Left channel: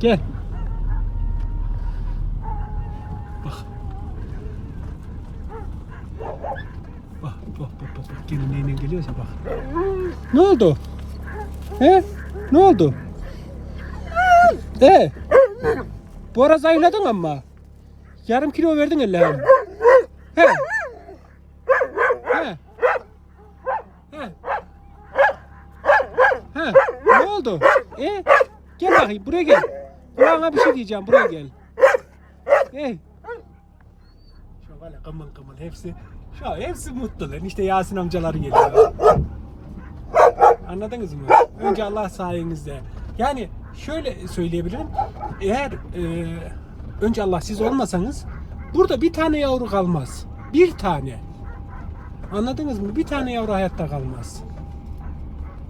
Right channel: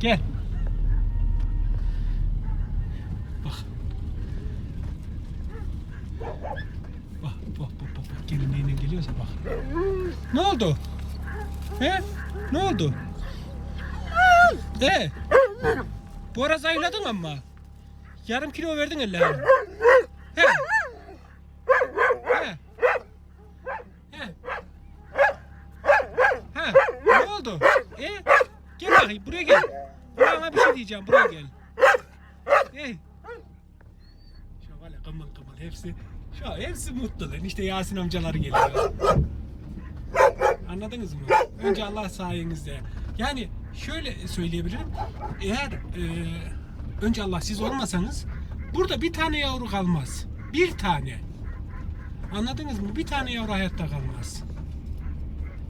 Gel. Bak. Bak bak bak bak. bak. Gene neyle geliyorsa bak. Ne oldu? He? Ne oldu? He? Bu ara zayıfladın ama. Yarım kilo verdin Allah'ım. He? He? He? He? Ne oldu? E? Gel bakayım buraya gel. Kulağına bir şey diyeceğim buraya gel. E? Şu var ya kımıl kımıl hepsi şu hepsi mutlu lan. İşte Yasin amcalar geliyor. Anladınız mı? Önce Allah sayenizde. Yani şöyle söyleyebilirim. Eğer e, önce Allah siz olmasanız burada bir tane yavru kalmaz. Bir tane. Anladınız mı? Bir tane yavru hayatta kalmaz.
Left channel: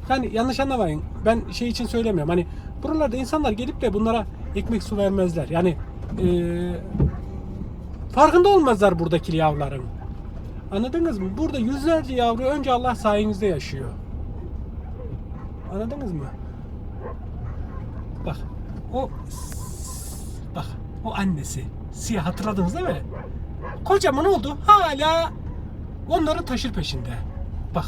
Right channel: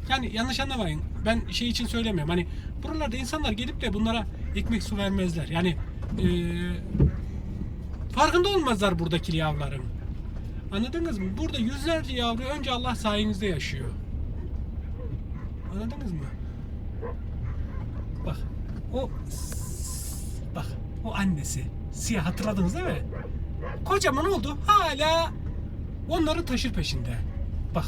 Yani yanlış anlamayın. Ben şey için söylemiyorum. Hani buralarda insanlar gelip de bunlara ekmek su vermezler. Yani e, farkında olmazlar buradaki yavruların. Anladınız mı? Burada yüzlerce yavru önce Allah sayenizde yaşıyor. Anladınız mı? Bak o bak o annesi siyah hatırladınız değil mi? Kocaman oldu hala onların taşır peşinde. Bak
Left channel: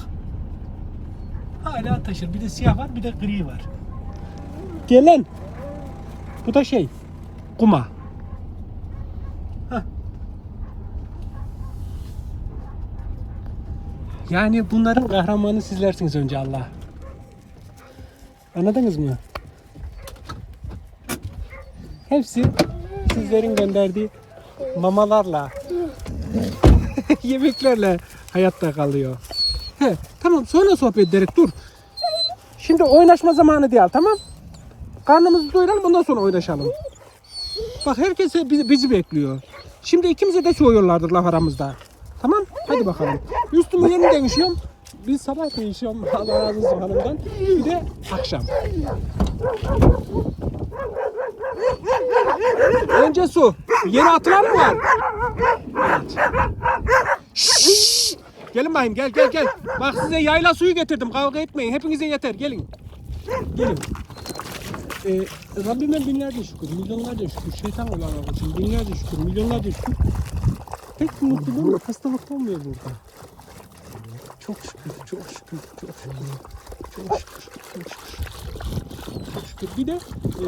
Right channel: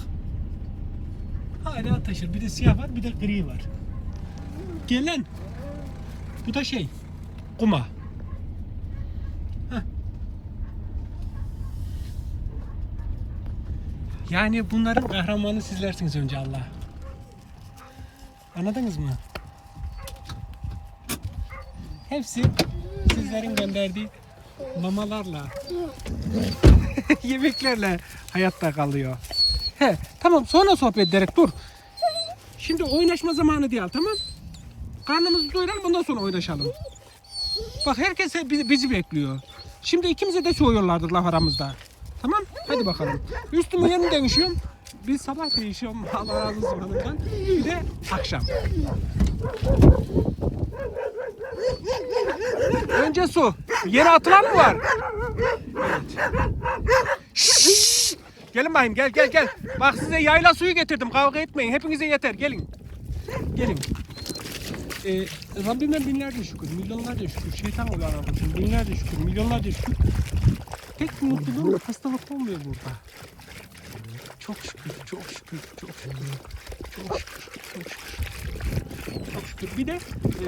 hala taşır. Bir de siyah var bir de gri var. Gelen bu da şey kuma. Heh. Yani bunların kahramanı sizlersiniz önce Allah. Anladınız mı? Hepsi sizlerin gönderdiği mamalarla, yemeklerle hayatta kalıyor. He, tamam sonra sohbet ederek dur. Şimdi oynaşma zamanı değil tamam? Karnımızı doyuralım ondan sonra oynaşalım. Bak herkes bizi, bekliyor. Şimdi ikimize de soğuyorlardır laf aramızda. Tamam? Hadi bakalım. Üstümü yeni değişiyorum. Biz sabah değişiyorum. Allah razı olsun hanımdan. Bir de akşam. Önce su. Yere atılan mı var? Evet. Gelin bakayım gel gel gel. Bak size yayla suyu getirdim. Kavga etmeyin. Hepinize yeter. Gelin. Gelin. Ee, Rabbime binlerce şükür, milyonlarca şükür, şeytan Allah'ına olsun, binlerce şükür, milyonlarca şükür. Tek mutluluğum hastalık olmuyor burada. Çok şükür, çok şükür, çok şükür, çok şükür, çok şükür. Çok şükür. Bir de e,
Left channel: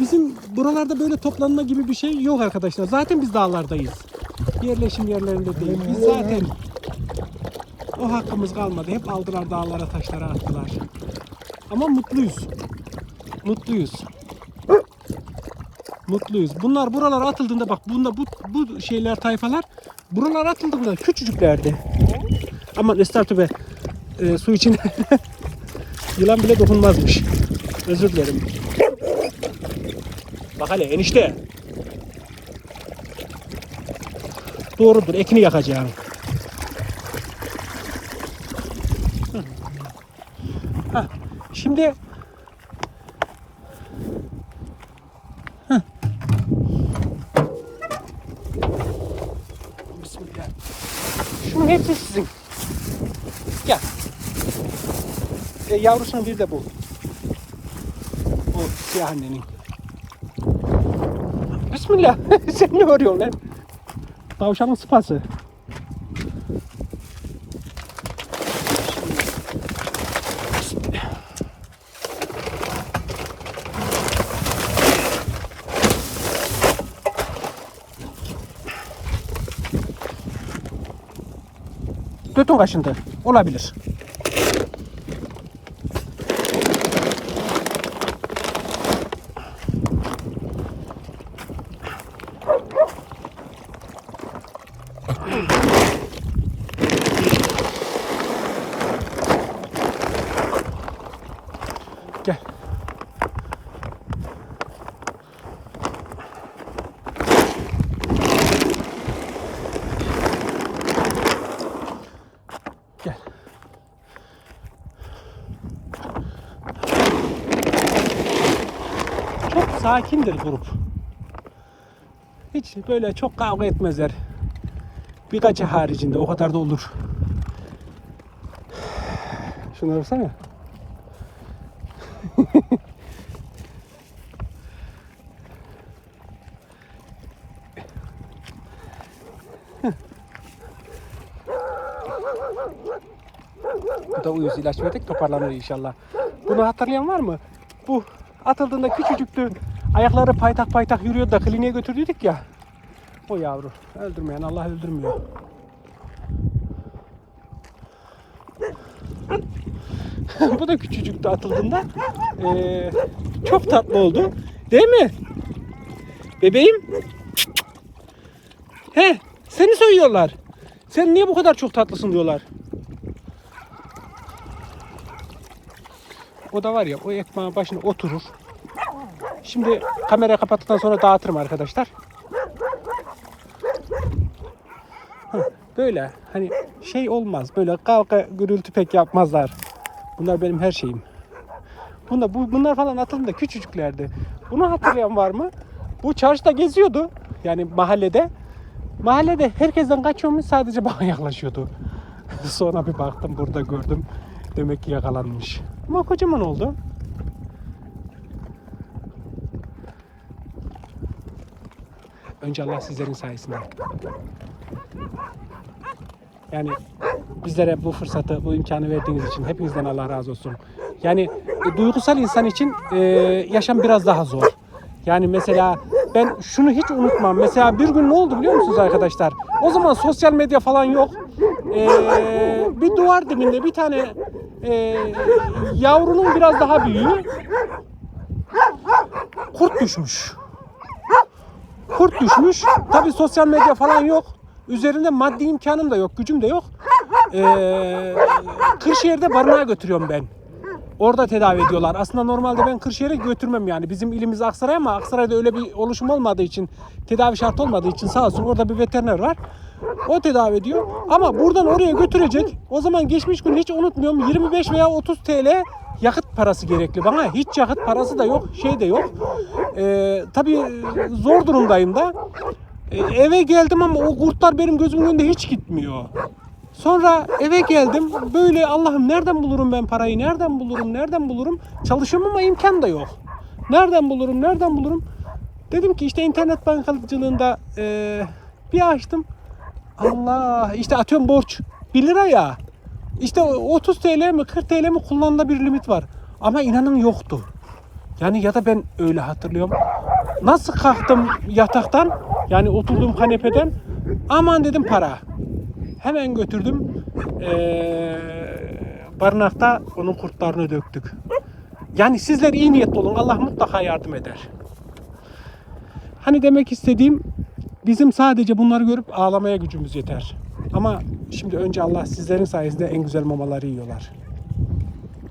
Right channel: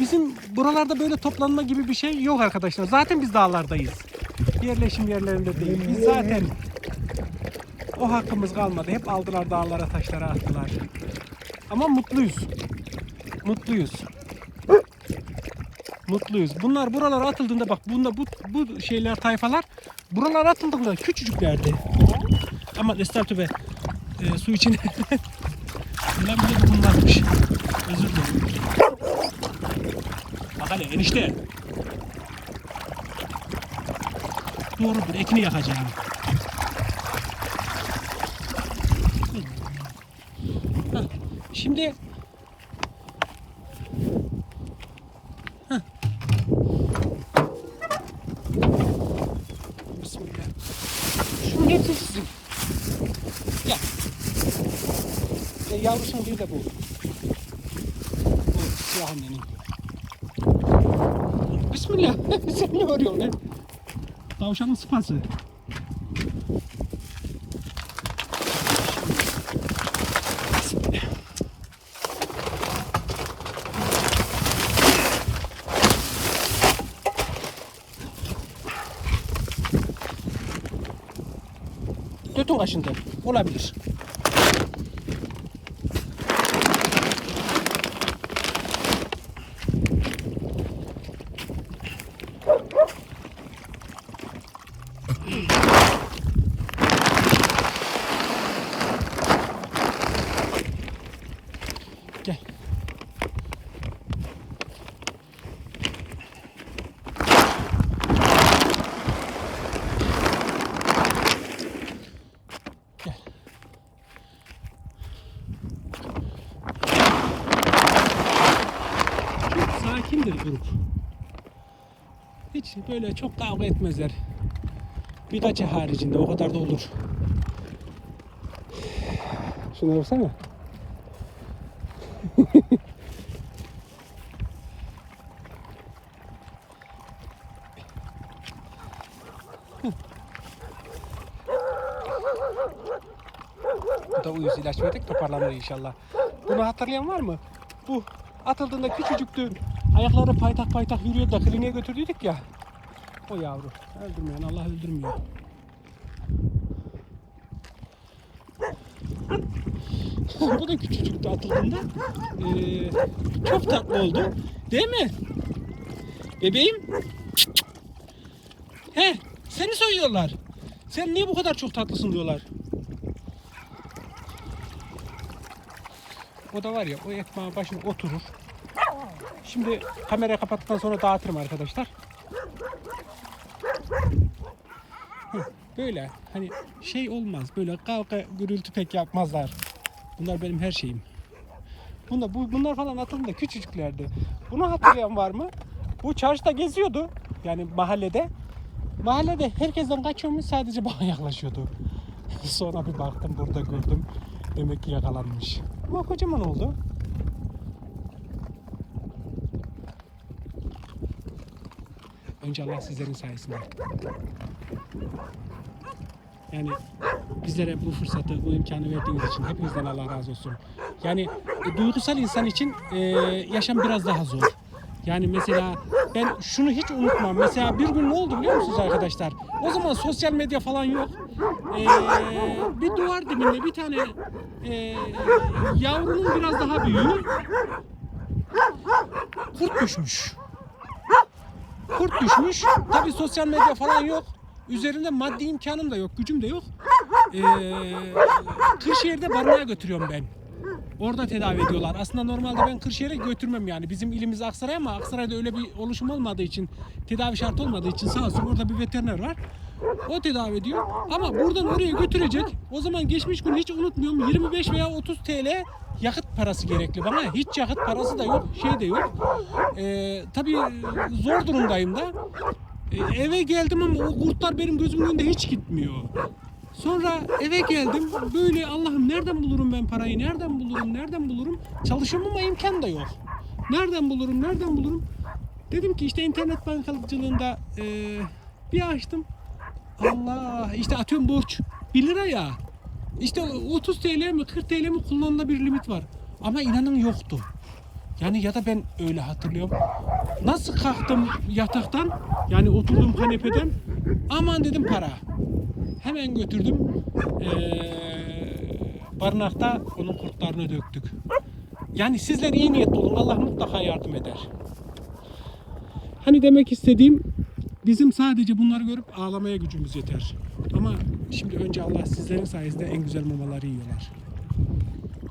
bizim buralarda böyle toplanma gibi bir şey yok arkadaşlar. Zaten biz dağlardayız. Yerleşim yerlerinde değil. Biz zaten o hakkımız kalmadı. Hep aldılar dağlara, taşlara attılar. Ama mutluyuz. Mutluyuz. Mutluyuz. Bunlar buralara atıldığında bak bunda bu bu şeyler tayfalar buralara atıldığında küçücüklerdi. Ama estağfurullah e, su için yılan bile dokunmazmış. Özür dilerim. Bak hele enişte. Doğrudur ekini yakacağım. Hah, Şimdi Bismillah. Şunun hepsi sizin. Gel. E, yavrusunun bir de bu. Bu siyah annenin. Bismillah. Sen ne arıyorsun lan? Tavşanın sıpası. Götün kaşındı. Olabilir. sakindir grup. Hiç böyle çok kavga etmezler. Birkaçı haricinde o kadar da olur. Şuna baksana. Bu da uyuz ilaç verdik toparlanır inşallah. Bunu hatırlayan var mı? Bu atıldığında küçücüktü. Ayakları paytak paytak yürüyordu da kliniğe götürdük ya. O yavru. Öldürmeyen Allah öldürmüyor. Bu da küçücüktü atıldığında. Ee, çok tatlı oldu. Değil mi? Bebeğim. He, seni söylüyorlar. Sen niye bu kadar çok tatlısın diyorlar. O da var ya o ekmeğin başına oturur. Şimdi kamera kapattıktan sonra dağıtırım arkadaşlar. Böyle hani şey olmaz. Böyle kavga gürültü pek yapmazlar. Bunlar benim her şeyim. Bunda, bu, bunlar falan atıldığında küçücüklerdi. Bunu hatırlayan var mı? Bu çarşıda geziyordu. Yani mahallede. Mahallede herkesten kaçıyormuş sadece bana yaklaşıyordu. Sonra bir baktım burada gördüm. Demek ki yakalanmış. Ama kocaman oldu. Önce Allah sizlerin sayesinde. Yani bizlere bu fırsatı, bu imkanı verdiğiniz için hepinizden Allah razı olsun. Yani e, duygusal insan için e, yaşam biraz daha zor. Yani mesela ben şunu hiç unutmam. Mesela bir gün ne oldu biliyor musunuz arkadaşlar? O zaman sosyal medya falan yok. E, bir duvar dibinde bir tane e, yavrunun biraz daha büyüğü kurt düşmüş. Kurt düşmüş. Tabi sosyal medya falan yok. Üzerinde maddi imkanım da yok, gücüm de yok. Ee, Kırşehir'de barınağa götürüyorum ben. Orada tedavi ediyorlar. Aslında normalde ben Kırşehir'e götürmem yani. Bizim ilimiz Aksaray ama Aksaray'da öyle bir oluşum olmadığı için, tedavi şart olmadığı için sağ olsun orada bir veteriner var. O tedavi ediyor. Ama buradan oraya götürecek. O zaman geçmiş gün hiç unutmuyorum 25 veya 30 TL yakıt parası gerekli bana. Hiç yakıt parası da yok, şey de yok. Ee, tabii zor durumdayım da. Ee, eve geldim ama o kurtlar benim gözümün önünde hiç gitmiyor. Sonra eve geldim. Böyle Allah'ım nereden bulurum ben parayı? Nereden bulurum? Nereden bulurum? Çalışıyorum ama imkan da yok. Nereden bulurum? Nereden bulurum? Dedim ki işte internet bankacılığında eee, bir açtım. Allah işte atıyorum borç 1 lira ya. İşte o 30 TL mi 40 TL mi kullanılabilir limit var. Ama inanın yoktu. Yani ya da ben öyle hatırlıyorum. Nasıl kalktım yataktan yani oturduğum kanepeden aman dedim para. Hemen götürdüm. Ee, barınakta onun kurtlarını döktük. Yani sizler iyi niyetli olun. Allah mutlaka yardım eder. Hani demek istediğim bizim sadece bunları görüp ağlamaya gücümüz yeter. Ama şimdi önce Allah sizlerin sayesinde en güzel mamaları yiyorlar.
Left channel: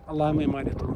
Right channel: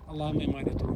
Allah'a emanet olun.